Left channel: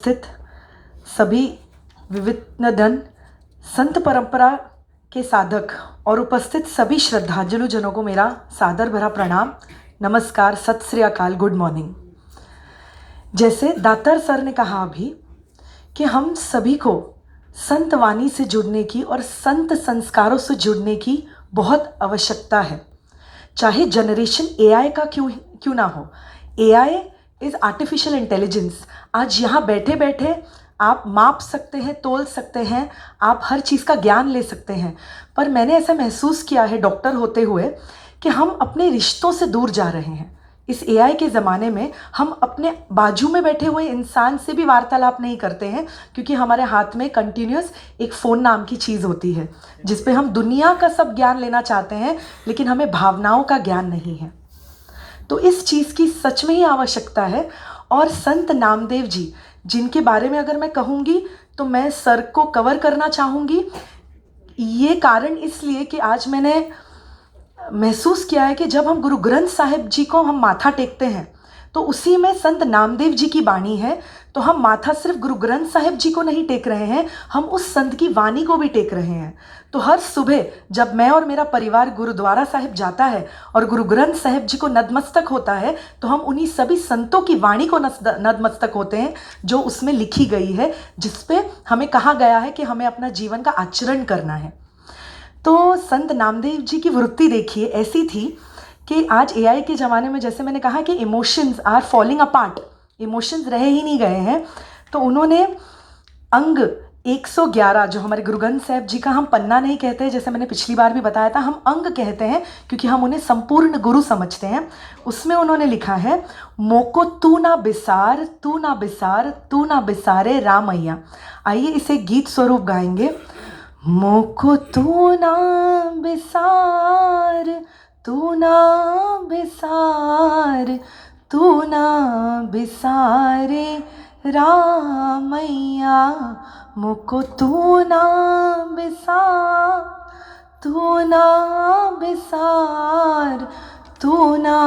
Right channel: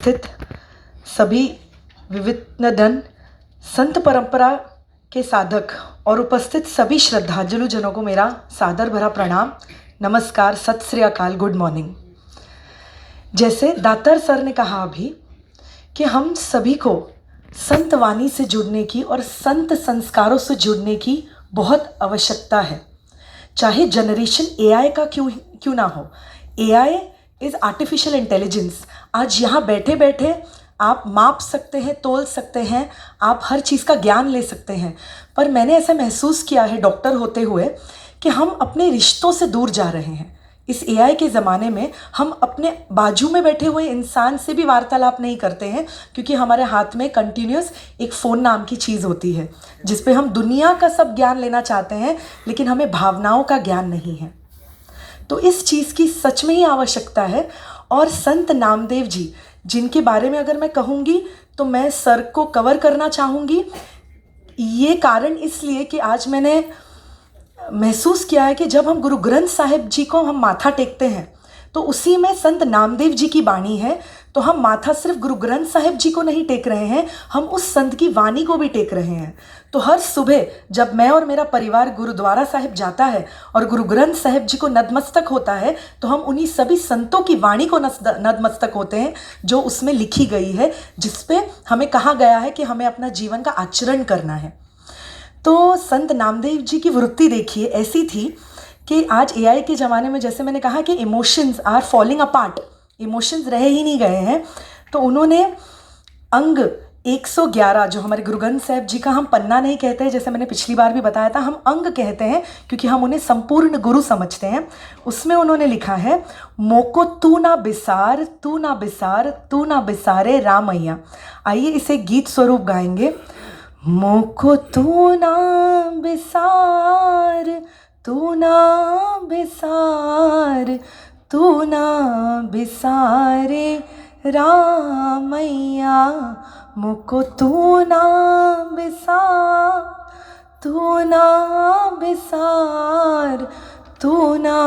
स्थित सभी विविधजन संत परंपरा के साधक और उपस्थित सभी श्रद्धांजलु जनों को मेरा सादर भरा प्रणाम, नमस्कार, सत श्री अकाल, गुड मॉर्निंग। जैसे दातार सर ने कहा अभी कि हम सभी को संत वाणी से जुड़ने की और संत संस्कारों से जुड़ने की बहुत आवश्यकता है, चाहे जनरेशन एआई का क्यों ना हो। AI is artificial intelligence. आज यहाँ बैठे बैठे आप माप सकते हैं, तोल सकते हैं, आप हर चीज़ का ज्ञान ले सकते हैं। पर मैंने ऐसा महसूस किया है डॉक्टर होते हुए कि हम अपने रिश्तों से दूर जा रहे हैं। इस एआई के ज़माने में हम अपने बाजू में बैठे हुए इंसान से भी वार्तालाप नहीं करते हैं, क्योंकि हमारे हाथ में कंटिन्यूस एक फ़ोन नाम की चीज़ होती है जिस पे हम दुनिया का सब ज्ञान लेना चाहते हैं, लेकिन हमें भावनाओं का ज्ञान नहीं है। तो इस चीज़ की सच में ही आवश्यकता है। और संत नामदेव जी, जिनके बारे में अगर मैं कहूँगी तो मैं सर को कवर करना चाहूँगी। ये कारण इसलिए कि आज मैंने महसूस किया है कि जब हम गुरु ग्रंथ साहिब जी को हम माथा टेकते हैं तो उसी में संत नामदेव जी की वाणी है। तो हम माथा सिर्फ गुरु ग्रंथ साहिब जी को नहीं टेक रहे हैं, हम उस संत की वाणी को भी टेक रहे हैं। तो हर सुबह जब मैं और मेरा परिवार गुरुद्वारा साहिब जाता है और गुरु ग्रंथ साहिब जी को नतमस्तक होता है, तो हम उन्हीं सभी संतों की वाणी को नतमस्तक होते हैं जो उसमें लिखी गई है, जिसपे हमें कहा गया है कि हमें अपना जीवन का आचरण करना है। तो संत नामदेव जी की वृत्ति देखिए ऐसी थी कि आज एआई के ज़माने में, जैसे मैंने कहा कि emotions are falling apart, emotions रह ही नहीं गए हैं, तो उन्होंने अंग 111 जो हमारे गुरु ग्रंथ साहिब जी का हम पन्ना नहीं कहते हैं, जैसे मैंने पिछली बार भी बताया था, हम अंग कहते हैं क्योंकि हम उन्हें संपूर्ण गुरु समझते हैं। उसमें उन्होंने लिखा है, मोको तू ना बिसार, तू ना बिसार, तू ना बिसारे रामैया। आइए इसे गीत स्वरूप गाएंगे। मोको तू ना बिसार, तू ना बिसार, तू ना बिसारे रामैया। मोको तू ना बिसार, तू ना बिसार, तू ना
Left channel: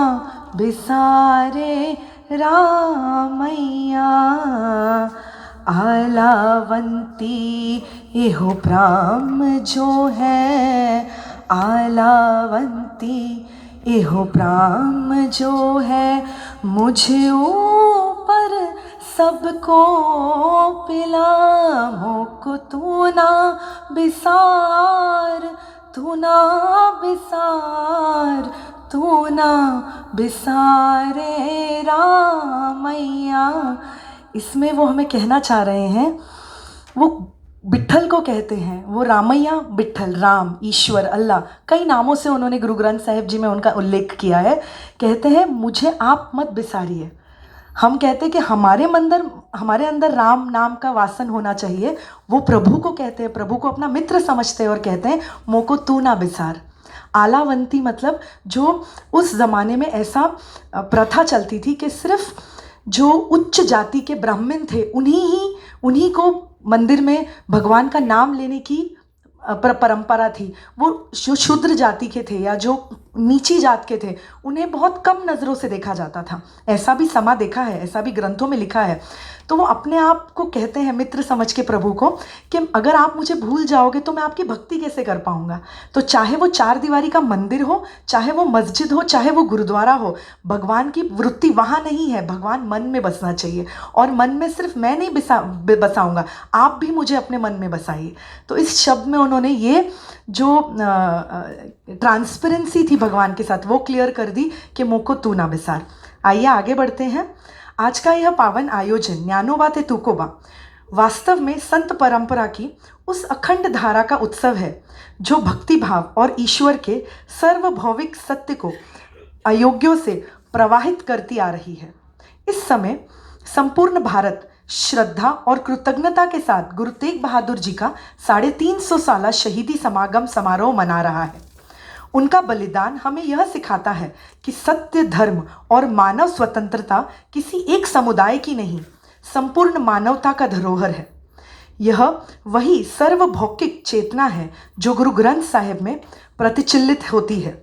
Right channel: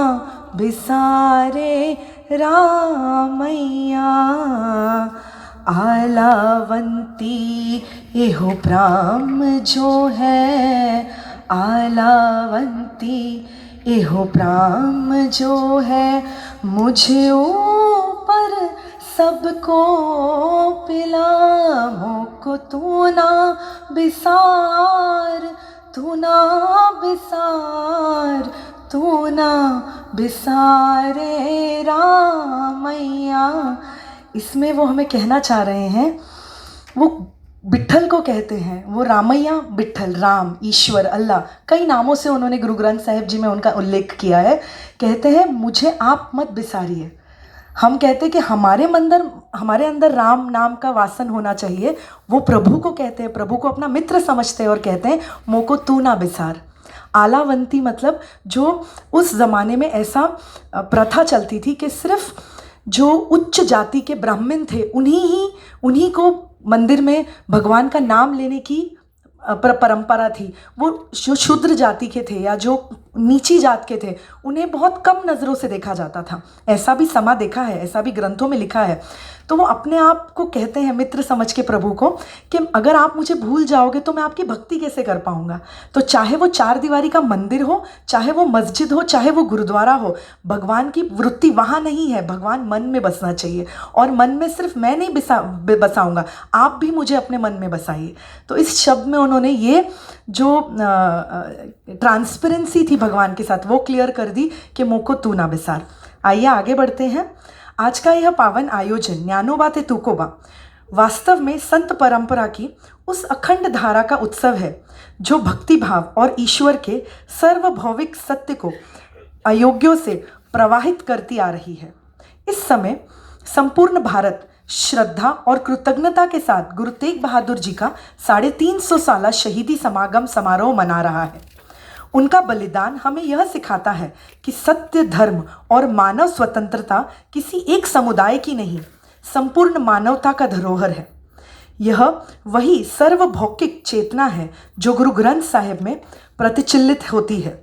बिसारे रामैया। आलावंती एहो प्राम जो है, आलावंती एहो प्राम जो है, मुझे ऊपर सबको पिला। मोको तू ना बिसार, तू ना बिसार, तू ना बिसारे रामैया। इसमें वो हमें कहना चाह रहे हैं, वो विट्ठल को कहते हैं, वो रामैया, विट्ठल, राम, ईश्वर, अल्लाह, कई नामों से उन्होंने गुरु ग्रंथ साहिब जी में उनका उल्लेख किया है। कहते हैं मुझे आप मत बिसारिए। हम कहते हैं कि हमारे अंदर राम नाम का वासन होना चाहिए। वो प्रभु को कहते हैं, प्रभु को अपना मित्र समझते हैं और कहते हैं मोको तू ना बिसार। आलावंती मतलब जो उस ज़माने में ऐसा प्रथा चलती थी कि सिर्फ जो उच्च जाति के ब्राह्मण थे उन्हीं को मंदिर में भगवान का नाम लेने की परंपरा थी। वो जो शूद्र जाति के थे या जो नीची जात के थे, उन्हें बहुत कम नज़रों से देखा जाता था। ऐसा भी समा देखा है, ऐसा भी ग्रंथों में लिखा है। तो वो अपने आप को कहते हैं मित्र समझ के प्रभु को कि अगर आप मुझे भूल जाओगे तो मैं आपकी भक्ति कैसे कर पाऊँगा। तो चाहे वो चार दीवारी का मंदिर हो, चाहे वो मस्जिद हो, चाहे वो गुरुद्वारा हो, भगवान की वृत्ति वहाँ नहीं है। भगवान मन में बसना चाहिए, और मन में सिर्फ मैं नहीं बसाऊँगा, आप भी मुझे अपने मन में बसाइए। तो इस शब्द में उन्होंने ये जो ट्रांसपेरेंसी थी भगवान के साथ वो क्लियर कर दी कि मोको तू ना बिसार। आइए आगे बढ़ते हैं। आज का यह पावन आयोजन ज्ञानोबा ते तुकोबा वास्तव में संत परंपरा की उस अखंड धारा का उत्सव है जो भक्ति भाव और ईश्वर के सर्वभौविक सत्य को अयोग्यों से प्रवाहित करती आ रही है। इस समय संपूर्ण भारत श्रद्धा और कृतज्ञता के साथ गुरु तेग बहादुर जी का 350 साला शहीदी समागम समारोह मना रहा है। उनका बलिदान हमें यह सिखाता है कि सत्य, धर्म और मानव स्वतंत्रता किसी एक समुदाय की नहीं, संपूर्ण मानवता का धरोहर है। यह वही सर्वभौतिक चेतना है जो गुरु ग्रंथ साहिब में प्रतिचिल्लित होती है,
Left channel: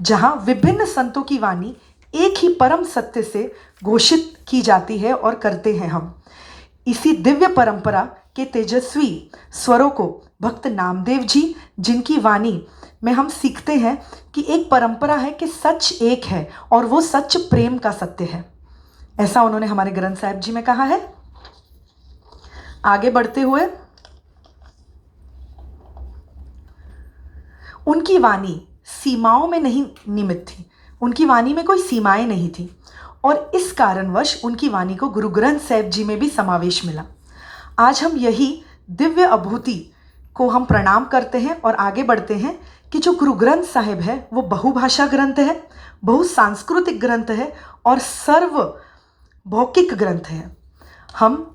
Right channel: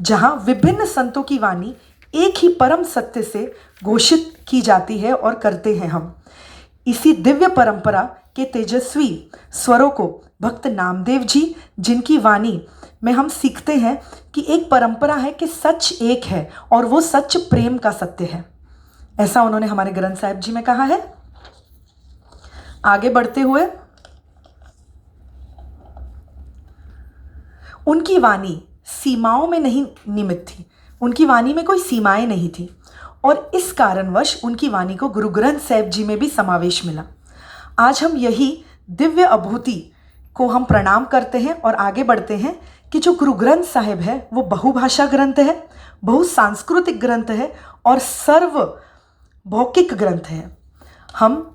जहाँ विभिन्न संतों की वाणी एक ही परम सत्य से घोषित की जाती है और करते हैं हम। इसी दिव्य परंपरा के तेजस्वी स्वरों को भक्त नामदेव जी, जिनकी वाणी में हम सीखते हैं कि एक परंपरा है कि सच एक है और वो सच प्रेम का सत्य है, ऐसा उन्होंने हमारे ग्रंथ साहिब जी में कहा है। आगे बढ़ते हुए, उनकी वाणी सीमाओं में नहीं निमित थी, उनकी वाणी में कोई सीमाएं नहीं थी और इस कारणवश उनकी वाणी को गुरु ग्रंथ साहिब जी में भी समावेश मिला। आज हम यही दिव्य अभूति को हम प्रणाम करते हैं और आगे बढ़ते हैं कि जो गुरु ग्रंथ साहिब है वो बहुभाषा ग्रंथ है, बहुसांस्कृतिक ग्रंथ है और सर्वभौकिक ग्रंथ है।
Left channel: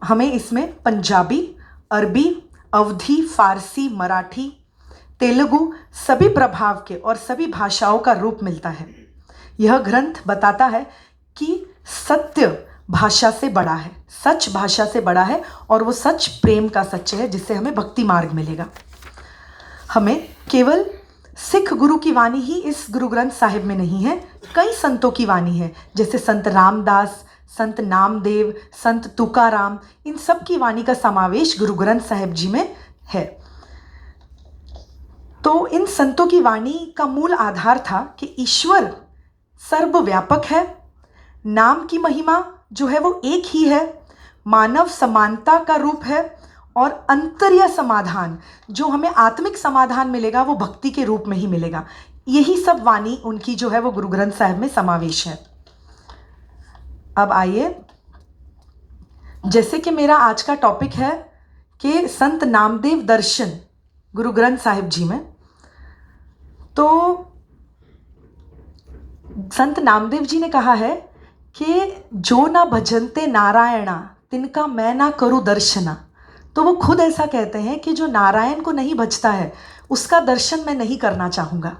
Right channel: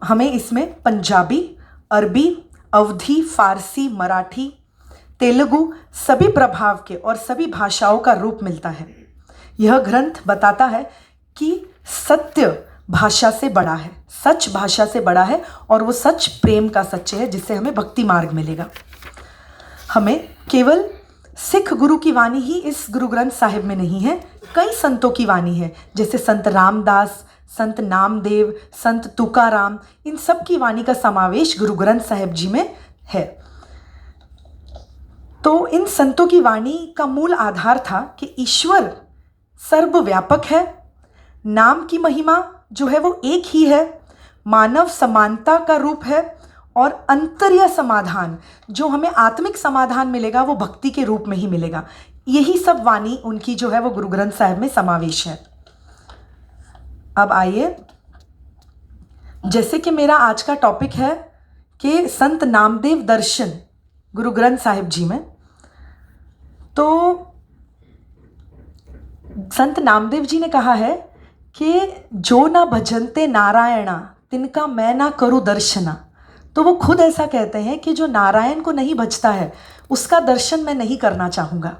हमें इसमें पंजाबी, अरबी, अवधी, फारसी, मराठी, तेलुगु सभी प्रभाव के और सभी भाषाओं का रूप मिलता है। यह ग्रंथ बताता है कि सत्य भाषा से बड़ा है, सच भाषा से बड़ा है और वो सच प्रेम का सच्चे है, जिससे हमें भक्ति मार्ग मिलेगा। हमें केवल सिख गुरु की वाणी ही इस गुरु ग्रंथ साहिब में नहीं है, कई संतों की वाणी है, जैसे संत रामदास, संत नामदेव, संत तुकाराम, इन सब की वाणी का समावेश गुरु ग्रंथ साहिब जी में है। तो इन संतों की वाणी का मूल आधार था कि ईश्वर सर्वव्यापक है, नाम की महिमा जो है वो एक ही है, मानव समानता का रूप है और अंतर्य समाधान, जो हमें आत्मिक समाधान मिलेगा वो भक्ति के रूप में ही मिलेगा। यही सब वाणी उनकी जो है वो गुरु ग्रंथ साहिब में समावेश है। अब आइए, जैसे कि मेरा आज का टॉपिक है कि संत नामदेव दर्शन गुरु ग्रंथ साहिब जी में, तो संत नामदेव जी ने कहा है कि जो ना भजनते नारायणा तिनका मैं ना करूँ दर्शना। तो वो खुद ऐसा कहते हैं कि जो नारायण को नहीं भजता है उसका दर्शन मैं नहीं करना चाहूँगा।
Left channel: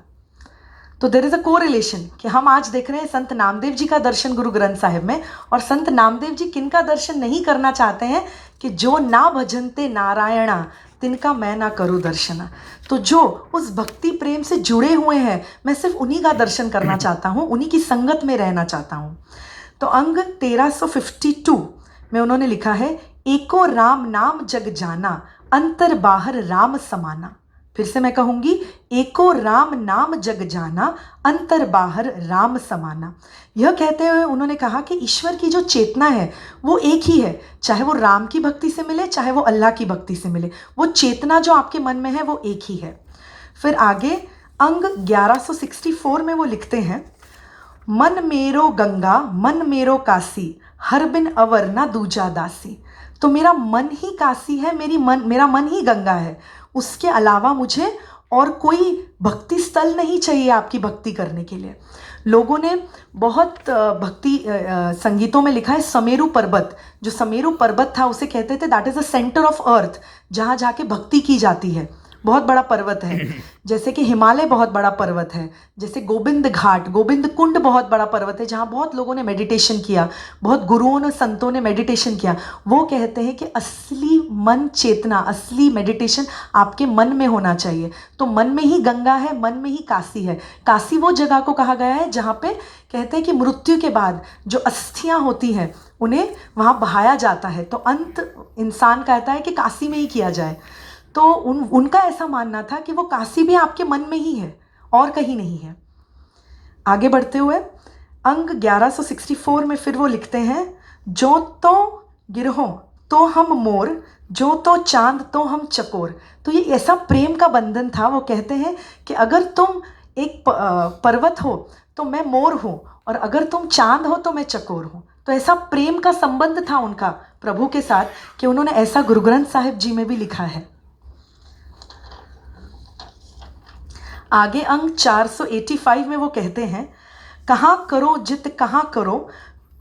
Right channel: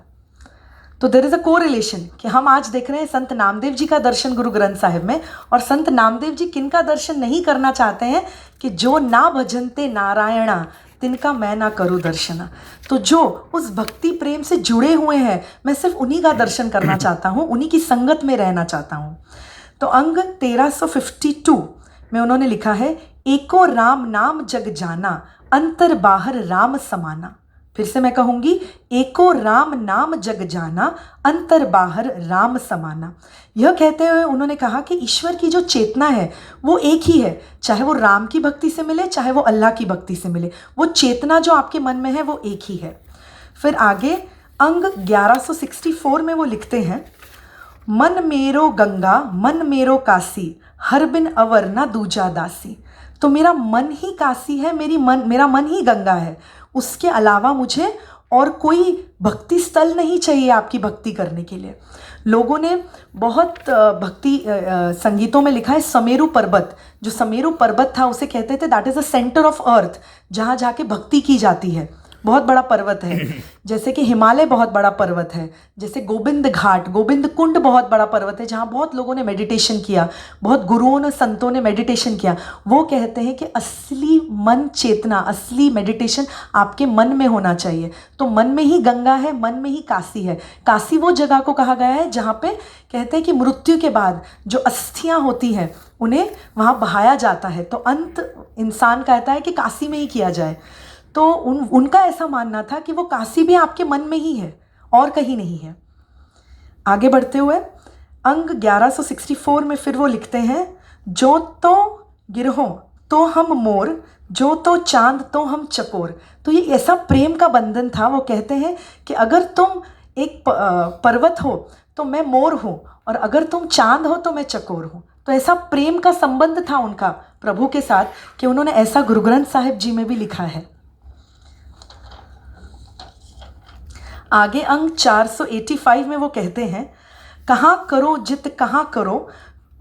तो देयर इज़ अ कोरिलेशन कि हम आज देख रहे हैं संत नामदेव जी का दर्शन गुरु ग्रंथ साहिब में, और संत नामदेव जी किनका दर्शन नहीं करना चाहते हैं कि जो ना भजनते नारायणा तिनका मैं ना करूँ दर्शना। तो जो उस भक्ति प्रेम से जुड़े हुए हैं, मैं सिर्फ उन्हीं का दर्शन करना चाहता हूँ, उन्हीं की संगत में रहना चाहता हूँ। तो अंग 1352 में उन्होंने लिखा है, एको राम नाम जग जाना, अंतर बाहर राम समाना। फिर से मैं कहूँगी, एको राम नाम जग जाना, अंतर बाहर राम समाना। यह कहते हुए उन्होंने कहा कि ईश्वर की जो चेतना है वो एक ही है, चाहे वो राम की भक्ति से मिले चाहे वो अल्लाह की भक्ति से मिले, वो चेतना जो आपके मन में है वो एक ही है। फिर आगे अंग 1164 में वो लिखते हैं, मन मेरो गंगा मन मेरो काशी, हर बिन अवर ना दूजा दासी। तो मेरा मन ही काशी है, मेरा मन ही गंगा है, उसके अलावा मुझे और कोई भक्ति स्थल नहीं चाहिए आपकी भक्ति करने के लिए। लोगों ने बहुत भक्ति संगीतों में लिखा है, समेरु पर्वत, जो समेरु पर्वत था उसे कहते थे that is the centre of earth, जहाँ जाके भक्ति की जाती है। बहुत बड़ा पर्वत है, जैसे कि हिमालय बहुत बड़ा पर्वत है, जैसे गोविंद घाट, गोविंद कुंड बहुत बड़ा पर्वत है जहाँ बहुत लोगों ने मेडिटेशन किया, बहुत गुरुओं ने संतों ने मेडिटेशन किया। वो कहते हैं कि असली मन चेतना, असली मेडिटेशन आपके मन में होना चाहिए। तो मन में ही गंगा है, मन में ही काशी है। काशी वो जगह को कहा गया है जहाँ पे कहते हैं कि मृत्यु के बाद जो अस्थियाँ होती हैं उन्हें वहाँ बहाया जाता है। तो अंत इंसान कहता है कि काशी में ही किया जाए। तो उनका ऐसा मानना था कि वो काशी भी आपके मन में ही है और कहीं नहीं है। आगे बढ़ते हुए अंग 1164 में फिर वो लिखते हैं, जो तो गिरहो तो हम मोर, जो तो चांद तो हम चकोर। तो ये ऐसा प्रेम का बंधन था। वो कहते हैं कि अगर तुम एक पर्वत हो तो मैं मोर हूँ, और अगर तुम चांद हो तो मैं चकोर हूँ। तो ऐसा प्रेम का संबंध था उनका प्रभु के साथ कि उन्होंने ऐसा गुरु ग्रंथ साहिब जी में भी लिखा है। आगे अंग 485 में वो कहते हैं, कहाँ करो जित कहाँ करो,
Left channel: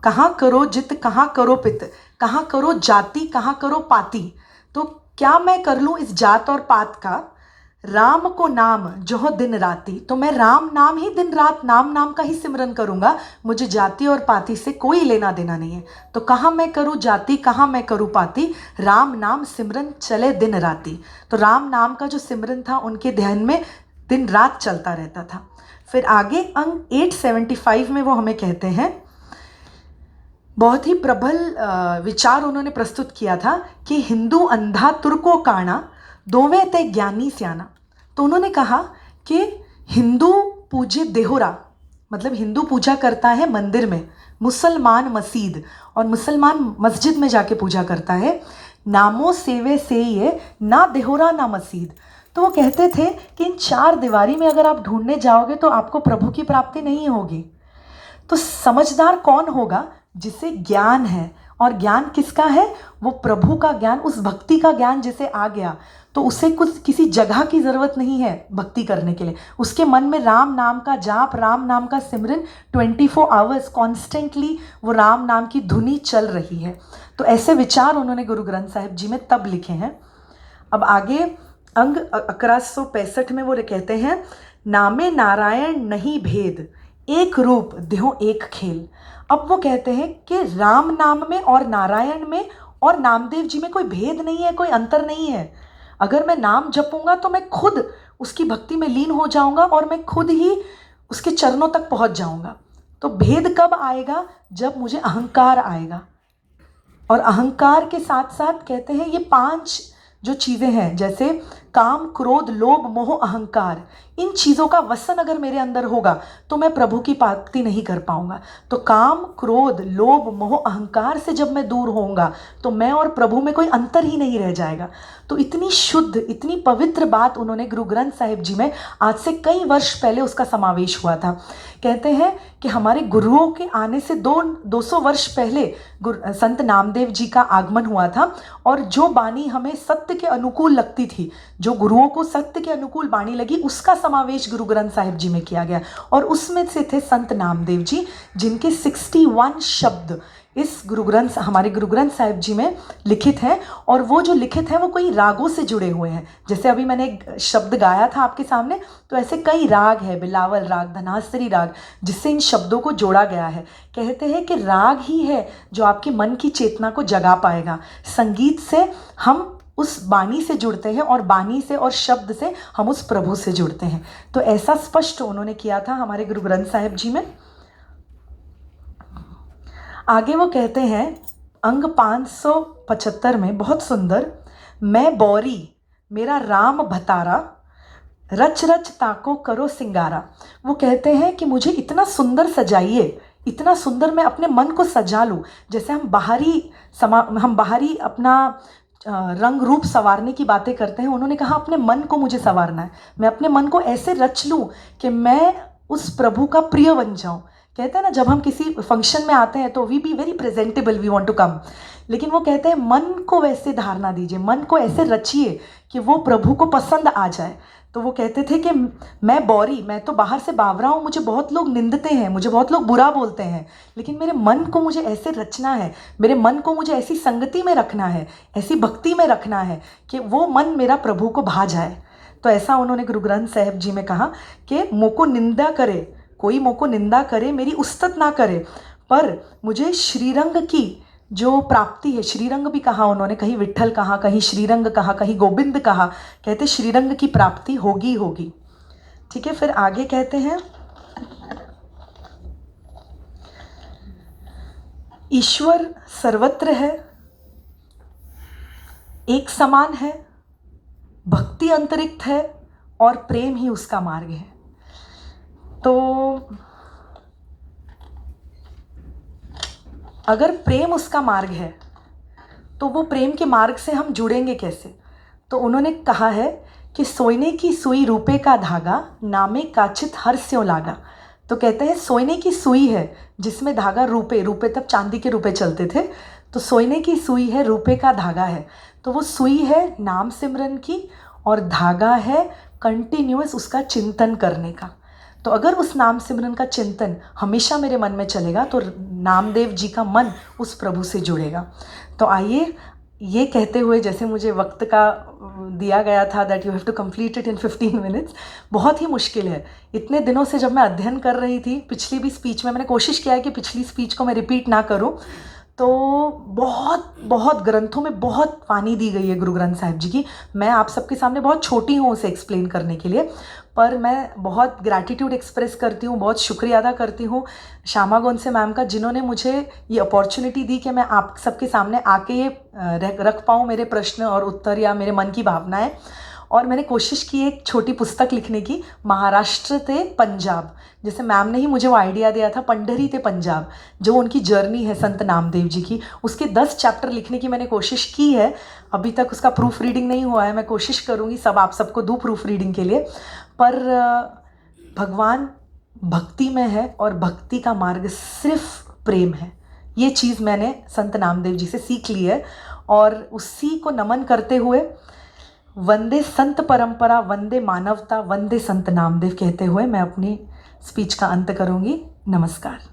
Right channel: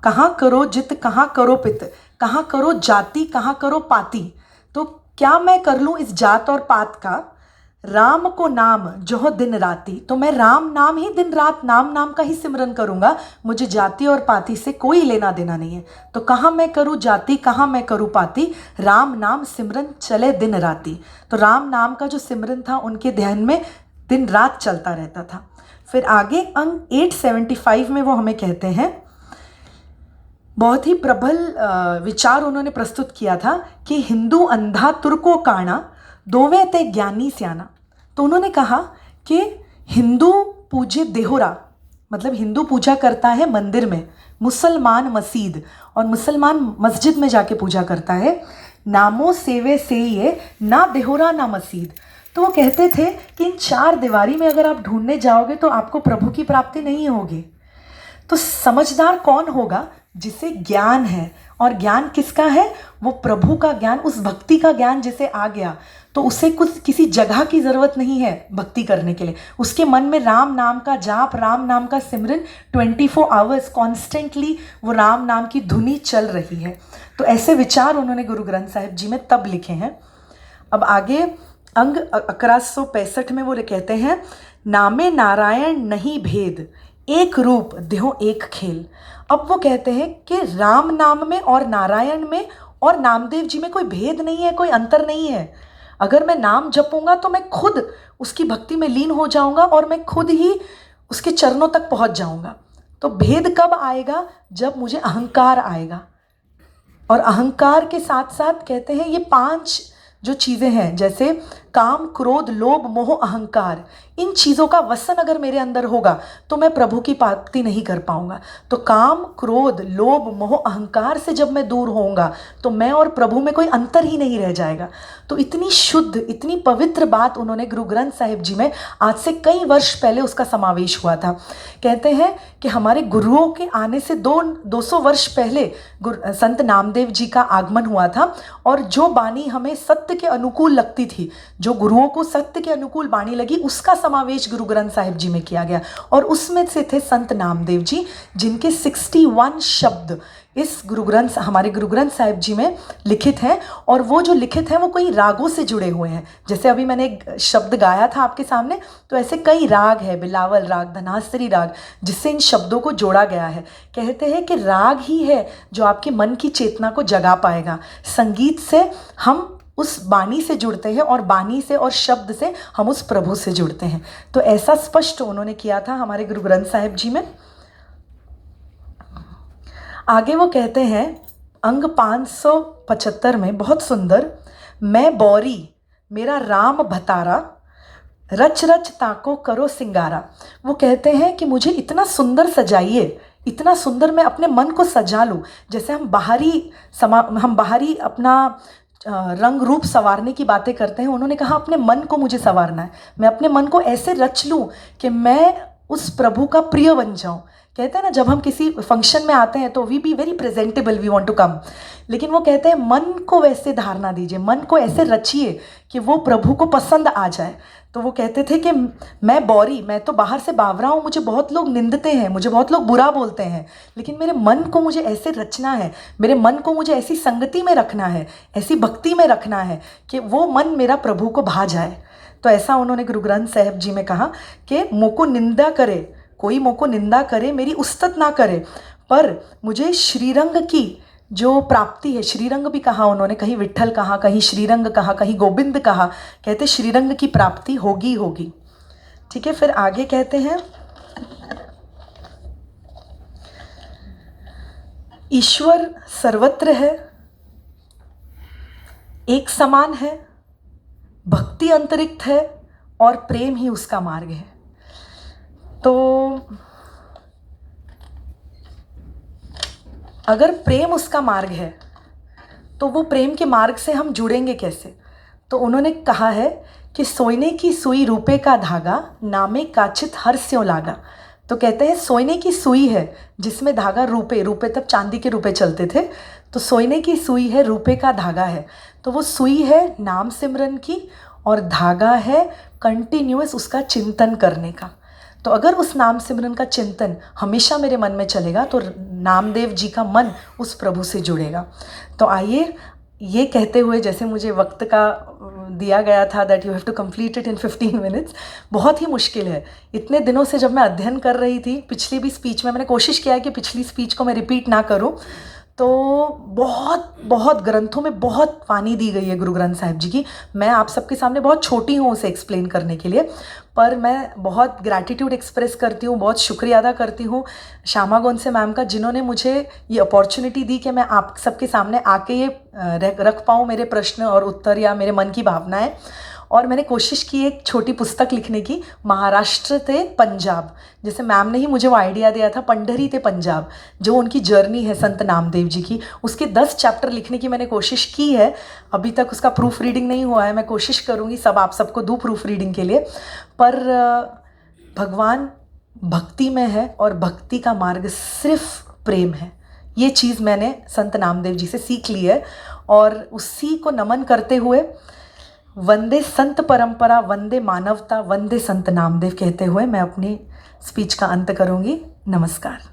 कहाँ करो जित कहाँ करो पित, कहाँ करो जाति कहाँ करो पाति। तो क्या मैं कर लूँ इस जात और पात का, राम को नाम जो हो दिन राती। तो मैं राम नाम ही दिन रात नाम का ही सिमरन करूँगा, मुझे जाति और पाति से कोई लेना देना नहीं है। तो कहाँ मैं करूँ जाति, कहाँ मैं करूँ पाति, राम नाम सिमरन चले दिन राती। तो राम नाम का जो सिमरन था उनके ध्यान में दिन रात चलता रहता था। फिर आगे अंग 875 में वो हमें कहते हैं, बहुत ही प्रबल विचार उन्होंने प्रस्तुत किया था कि हिंदू अंधा तुर्को काणा दोवे ते ज्ञानी स्याना। तो उन्होंने कहा कि हिंदू पूजे देहुरा, मतलब हिंदू पूजा करता है मंदिर में, मुसलमान मस्जिद, और मुसलमान मस्जिद में जाके पूजा करता है। नामो सेवे से ये ना देहुरा ना मस्जिद। तो वो कहते थे कि इन चार दीवारी में अगर आप ढूंढने जाओगे तो आपको प्रभु की प्राप्ति नहीं होगी। तो समझदार कौन होगा? जिसे ज्ञान है। और ज्ञान किसका है? वो प्रभु का ज्ञान, उस भक्ति का ज्ञान जिसे आ गया, तो उसे कुछ किसी जगह की ज़रूरत नहीं है भक्ति करने के लिए। उसके मन में राम नाम का जाप, राम नाम का सिमरन 24 आवर्स कॉन्स्टेंटली वो राम नाम की धुनी चल रही है। तो ऐसे विचार उन्होंने गुरु ग्रंथ साहिब जी में तब लिखे हैं। अब आगे अंग 1165 में वो कहते हैं, नामे नारायण नहीं भेद, एक रूप देहो एक खेल। अब वो कहते हैं कि राम नाम में और नारायण में और नामदेव जी में कोई भेद नहीं है, कोई अंतर नहीं है। अगर मैं नाम जपूंगा तो मैं खुद उसकी भक्ति में लीन हो जाऊंगा और मैं खुद ही उसके चरणों तक पहुंच जाऊंगा। तो भेद कब आएगा? जब मुझे अहंकार आएगा। और अहंकार के साथ साथ कहते हैं ये 5 जो चीज़ें हैं, जैसे काम, क्रोध, लोभ, मोह, अहंकार, इन चीज़ों का वसन अगर मेरे अंदर होगा तो मैं प्रभु की प्राप्ति नहीं कर पाऊंगा। तो काम, क्रोध, लोभ, मोह, अहंकार से जब मैं दूर होऊंगा तो मैं और प्रभु में कोई अंतर ही नहीं रह जाएगा। तो इतनी शुद्ध, इतनी पवित्र बात उन्होंने गुरु ग्रंथ साहिब जी में आज से कई वर्ष पहले उसका समावेश हुआ था। कहते हैं कि हमारे गुरुओं के आने से 200 वर्ष पहले संत नामदेव जी का आगमन हुआ था, और जो बानी हमें सत्य के अनुकूल लगती थी, जो गुरुओं को सत्य के अनुकूल बानी लगी, उसका समावेश गुरु ग्रंथ साहिब जी में किया गया। और उसमें से थे संत नामदेव जी, जिनके 61 शब्द इस हमारे गुरु ग्रंथ साहिब जी में लिखित हैं। और वो जो लिखित हैं वो कई रागों से जुड़े हुए हैं। जैसे अभी मैंने एक शब्द गाया था आपके सामने, तो ऐसे कई राग है, बिलावल राग, धनासरी राग, जिससे इन शब्दों को जोड़ा गया है। कहते हैं कि राग ही है जो आपके मन की चेतना को जगा पाएगा। संगीत से हम उस बानी से जुड़ते हैं, और बानी से और शब्द से हम उस प्रभु से जुड़ते हैं। तो ऐसा स्पष्ट उन्होंने किया था हमारे गुरु ग्रंथ साहिब जी में। आगे वो कहते हैं अंग 575 में, बहुत सुंदर, मैं बौरी मेरा राम भतारा, रच रच ताको करो सिंगारा। वो कहते हैं कि मुझे इतना सुंदर सजाइए, इतना सुंदर मैं अपने मन को सजा लूँ। जैसे हम बाहरी अपना रंग रूप संवारने की बातें करते हैं, उन्होंने कहा अपने मन को मुझे संवारना है। मैं अपने मन को ऐसे रच लूँ कि मैं उस प्रभु का प्रिय बन जाऊँ। कहते हैं ना, जब हम किसी फंक्शन में आते हैं तो we be very presentable, we want to come. लेकिन वो कहते हैं मन को वैसे धारणा दीजिए, मन को ऐसे रचिए कि वो प्रभु को पसंद आ जाए। तो वो कहते थे कि मैं बौरी, मैं तो बाहर से बावरा हूँ, मुझे बहुत लोग निंदते हैं, मुझे बहुत लोग बुरा बोलते हैं, लेकिन मेरे मन को मुझे ऐसे रचना है, मेरे मन को मुझे ऐसी संगति में रखना है, ऐसी भक्ति में रखना है कि वो मन मेरा प्रभु को भा जाए। तो ऐसा उन्होंने गुरु ग्रंथ साहिब जी में कहा कि मोको निंदा करे, कोई मोको निंदा करे, मेरी उस्तत ना करे, पर मुझे श्रीरंग की जो प्राप्ति है, श्रीरंग भी कहा उन्होंने, कहीं विट्ठल कहा, कहीं श्रीरंग कहा, कहीं गोविंद कहा, कहते श्रीरंग की प्राप्ति होगी होगी। ठीक है, फिर आगे कहते हैं ईश्वर सर्वत्र है, एक समान है, भक्ति अंतरिक्त है, और प्रेम ही उसका मार्ग है। तो अगर प्रेम उसका मार्ग है तो वो प्रेम के मार्ग से हम जुड़ेंगे कैसे? तो उन्होंने कहा है कि सोने की सुई रूपे का धागा, नामे काचित हर स्यों लागा। तो कहते हैं सोने की सुई है जिसमें धागा रूपे तब चांदी के रूपे चलते थे, तो सोने की सुई है, रूपे का धागा है। तो वो सुई है नाम सिमरन की, और धागा है कंटिन्यूअस उसका चिंतन करने का। तो अगर उस नाम सिमरन का चिंतन हमेशा मेरे मन में चलेगा तो नामदेव जी का मन उस प्रभु से जुड़ेगा। तो आइए, ये कहते हुए, जैसे मुझे वक्त का दिया गया था that you have to complete it in 15 minutes, बहुत ही मुश्किल है। इतने दिनों से जब मैं अध्ययन कर रही थी, पिछली भी स्पीच में मैंने कोशिश किया है कि पिछली स्पीच को मैं रिपीट ना करूं, तो बहुत बहुत ग्रंथों में बहुत वाणी दी गई है गुरु ग्रंथ साहिब जी की। मैं आप सबके सामने बहुत छोटी हूँ उसे एक्सप्लेन करने के लिए, पर मैं बहुत ग्रैटिट्यूड एक्सप्रेस करती हूँ, बहुत शुक्रिया अदा करती हूँ श्यामा गोंसे मैम का, जिन्होंने मुझे ये अपॉर्चुनिटी दी कि मैं आप सबके सामने आके ये रख पाऊँ मेरे प्रश्न और उत्तर या मेरे मन की भावनाएं। और मैंने कोशिश की एक छोटी पुस्तक लिखने की, महाराष्ट्र ते पंजाब, जैसे मैम ने ही मुझे वो आइडिया दिया था, पंडरी ते पंजाब, जो उनकी जर्नी है संत नामदेव जी की, उसके 10 चैप्टर लिखने की मैंने कोशिश की है। अभी तक उसका प्रूफ रीडिंग नहीं हुआ है, मैं कोशिश करूँगी सब आप सबको दूँ प्रूफ रीडिंग के लिए। पर भगवान भक्ति में है और भक्ति का मार्ग सिर्फ प्रेम है, ये चीज़ मैंने संत नामदेव जी से सीख ली है। और उसी को नमन करते हुए वंदे संत परंपरा, वंदे मानवता, वंदे संत नामदेव कहते हुए मैं अपनी स्पीच का अंत करूंगी। नमस्कार।